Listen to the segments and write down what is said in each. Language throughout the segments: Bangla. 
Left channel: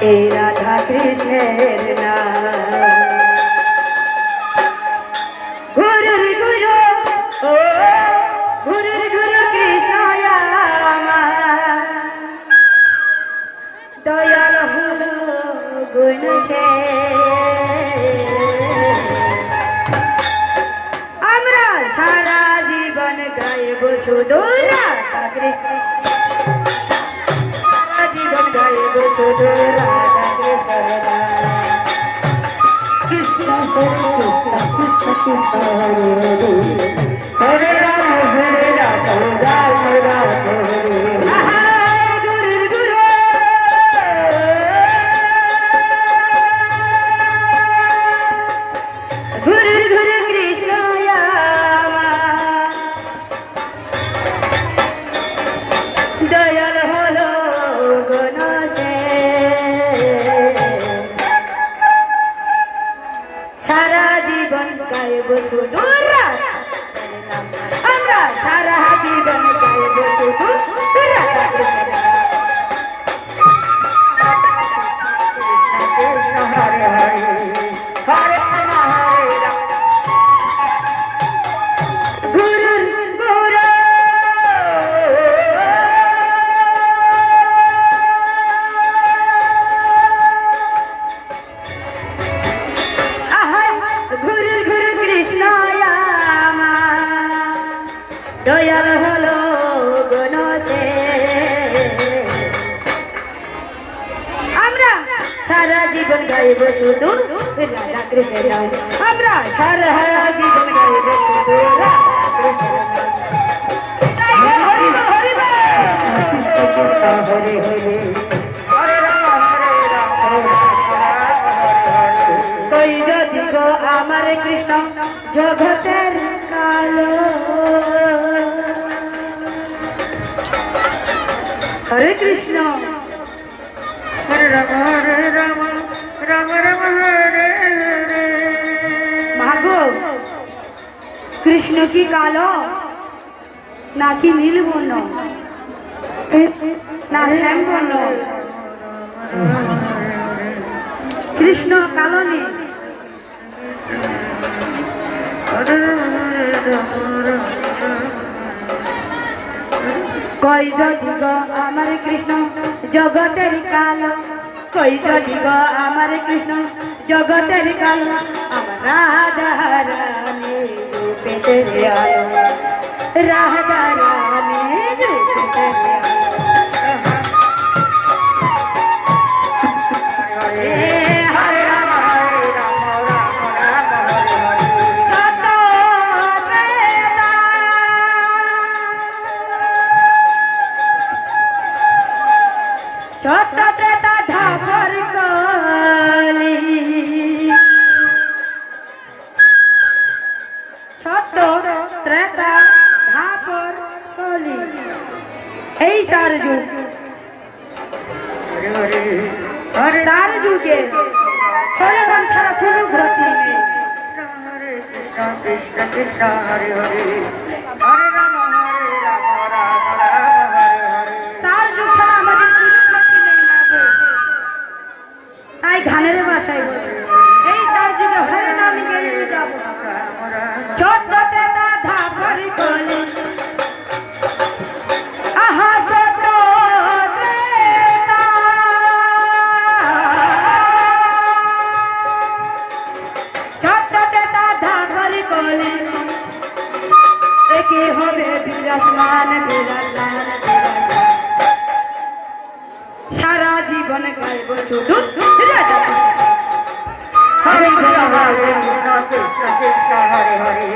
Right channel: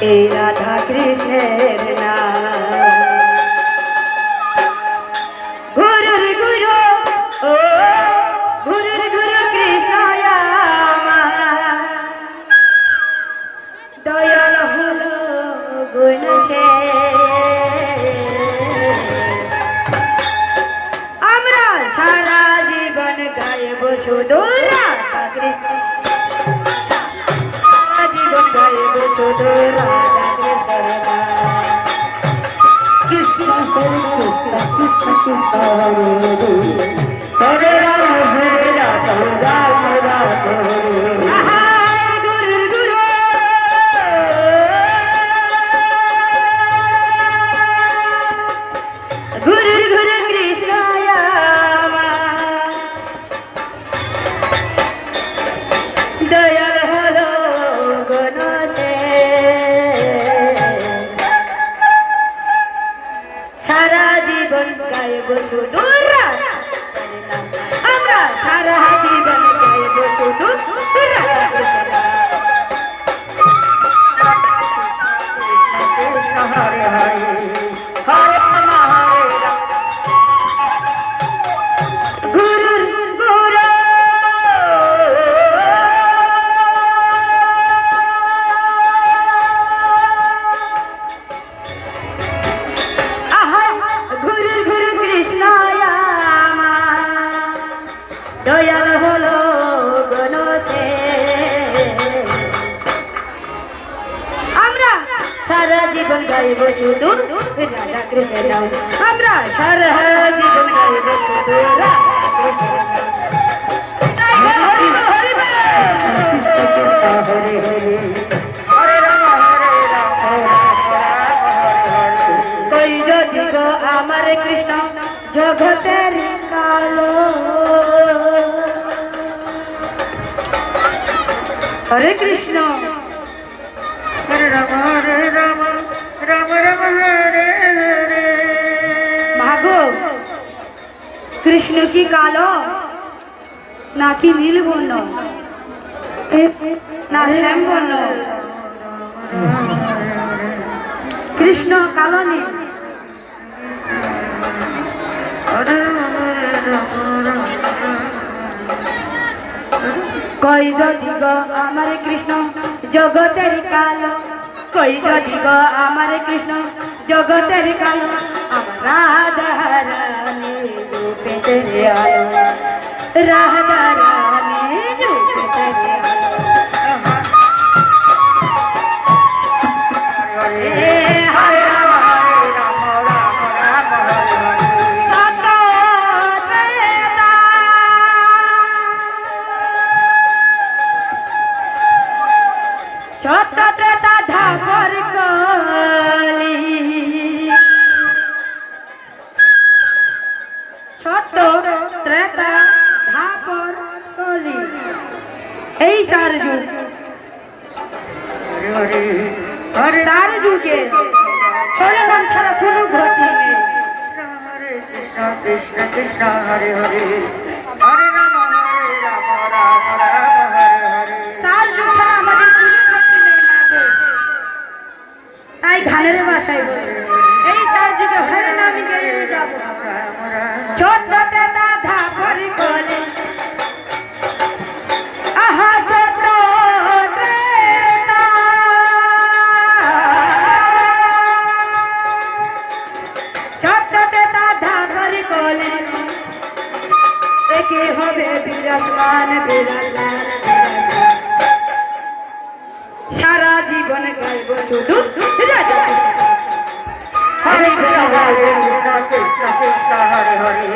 এই রাধা কৃষ্ণের নাম। গুরুর গুরু ও গুরুর গুরু কৃষ্ণ আমার, দয়াল হলো গুণসে। আমরা সারা জীবন গাইব শুধু রাধা কৃষ্ণ, জীবন গাইব শুধু রাধা কৃষ্ণ। হরে রাম হরে রাম রাম রাম গুরুর গুরু কৃষ্ণ আমার, দয়াল হলো গণসে। সারা জীবন গাইব শুধু রাধা, আমরা সারা জীবন গাইব শুধু রাধা কৃষ্ণ। হরে হরে হরে রাম হরে রাম। গুরুর গুরু গুরুর গুরু কৃষ্ণ আমার, দয়াল হলো গণসে। আমরা সারা জীবন গাইব শুধু রাধা কৃষ্ণের নাম, আমরা সারা জীবন গাইব শুধু রাধা কৃষ্ণের নাম। হরি হরি হরি হরি হরে রাম হরে রাম কই যদি গো আমার কৃষ্ণ জগতের কালো। হরে কৃষ্ণ হরে রাম হরে রাম রাম রাম হরে হরে। মাগো কৃষ্ণ কি কালো নাকি নীল বর্ণ না শ্যাম বর্ণ? কৃষ্ণ কালো নেই। কই যদি গো আমার কৃষ্ণ জগতের কালো, কই যদি গো আমার কৃষ্ণ জগতের কালো। রাধা রানী রূপেতে আলো, রাধা রানী রূপেতে এই চার যুগ, চার যুগে হরে নাম ছাড়া কোনো গতি নেই। কৃষ্ণ কৃষ্ণ হরে হরে হরে রাম হরে রাম রাম রাম হরে হরে। চার যুগ ছাড়া আমাদের কোনো গতি নেই মাগো। তাই গানের ভাষায় বলি এই চার যুগে হরে নাম গেয়ে যাব। ছোট্টতে রাধা হরি বলে আহা একে হবে বিরাজমান বিরাজমান বিরাজমান। সারা জীবন গাইব শুধু রাধা কৃষ্ণ। হরে কৃষ্ণ হরে কৃষ্ণ কৃষ্ণ হরে হরে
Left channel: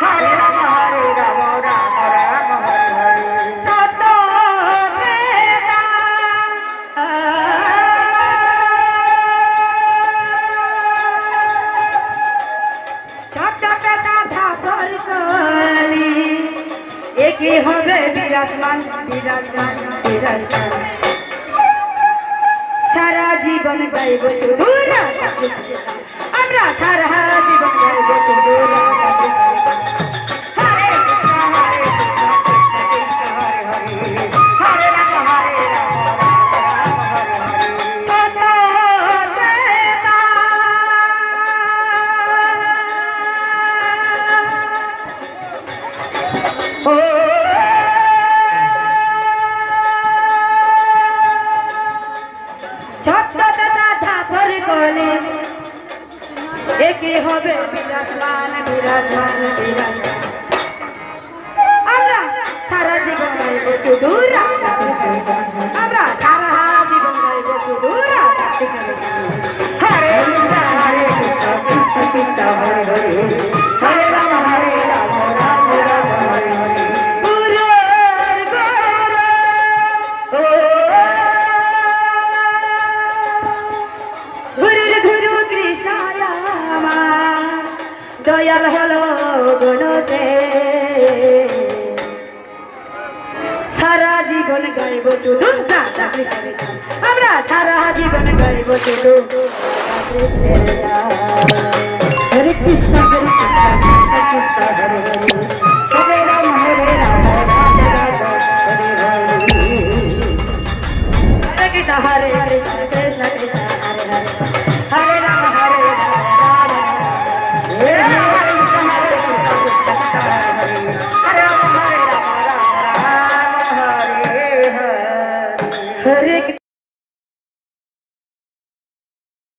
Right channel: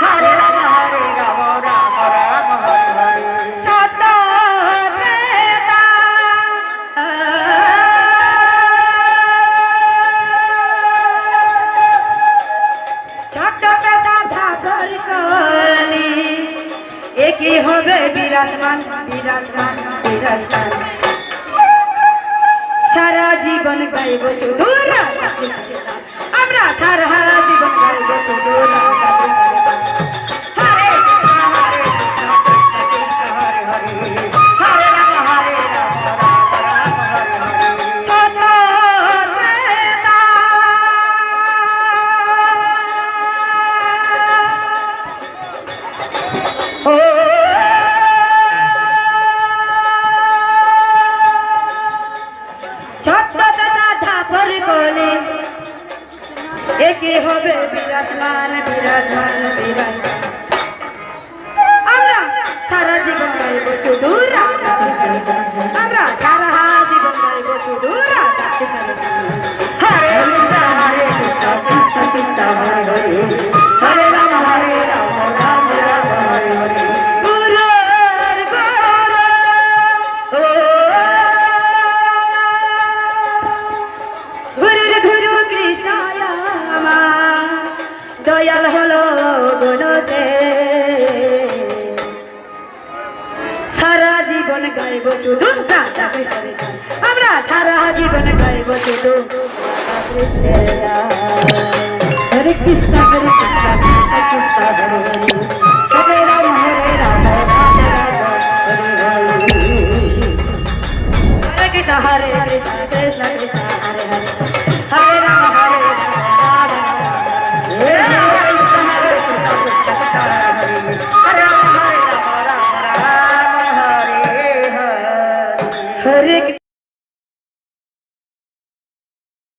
হরে রাম হরে রাম রাম রাম হরে হরে। একে হবে বিরাজমান বিরাজমান বিরাজমান। সারা জীবন গাইব শুধু রাধা কৃষ্ণ, আমরা সারা জীবন গাইব শুধু রাধা কৃষ্ণ। হরে কৃষ্ণ হরে কৃষ্ণ কৃষ্ণ হরে হরে হরে রাম হরে রাম রাম হরে হরে। সত্যতা ঠাকুর কোলে একে হবে বিরাজমান বিরাজমান বিরাজমান আমরা সারা জীবন গাইব শুধু আমরা সারা জীবন গাইব শুধু হরে হরে কৃষ্ণ কৃষ্ণ হরে হরে হরে রাম হরে রাম রাম রাম হরে হরে গুরুর গুরু কৃষ্ণ আমার দয়াল হলো গুণতে সারা জীবন গাইব শুধু রাধা কৃষ্ণ আমরা সারা জীবন গাইব শুধু হরে কৃষ্ণ হরে কৃষ্ণ কৃষ্ণ কৃষ্ণ হরে হরে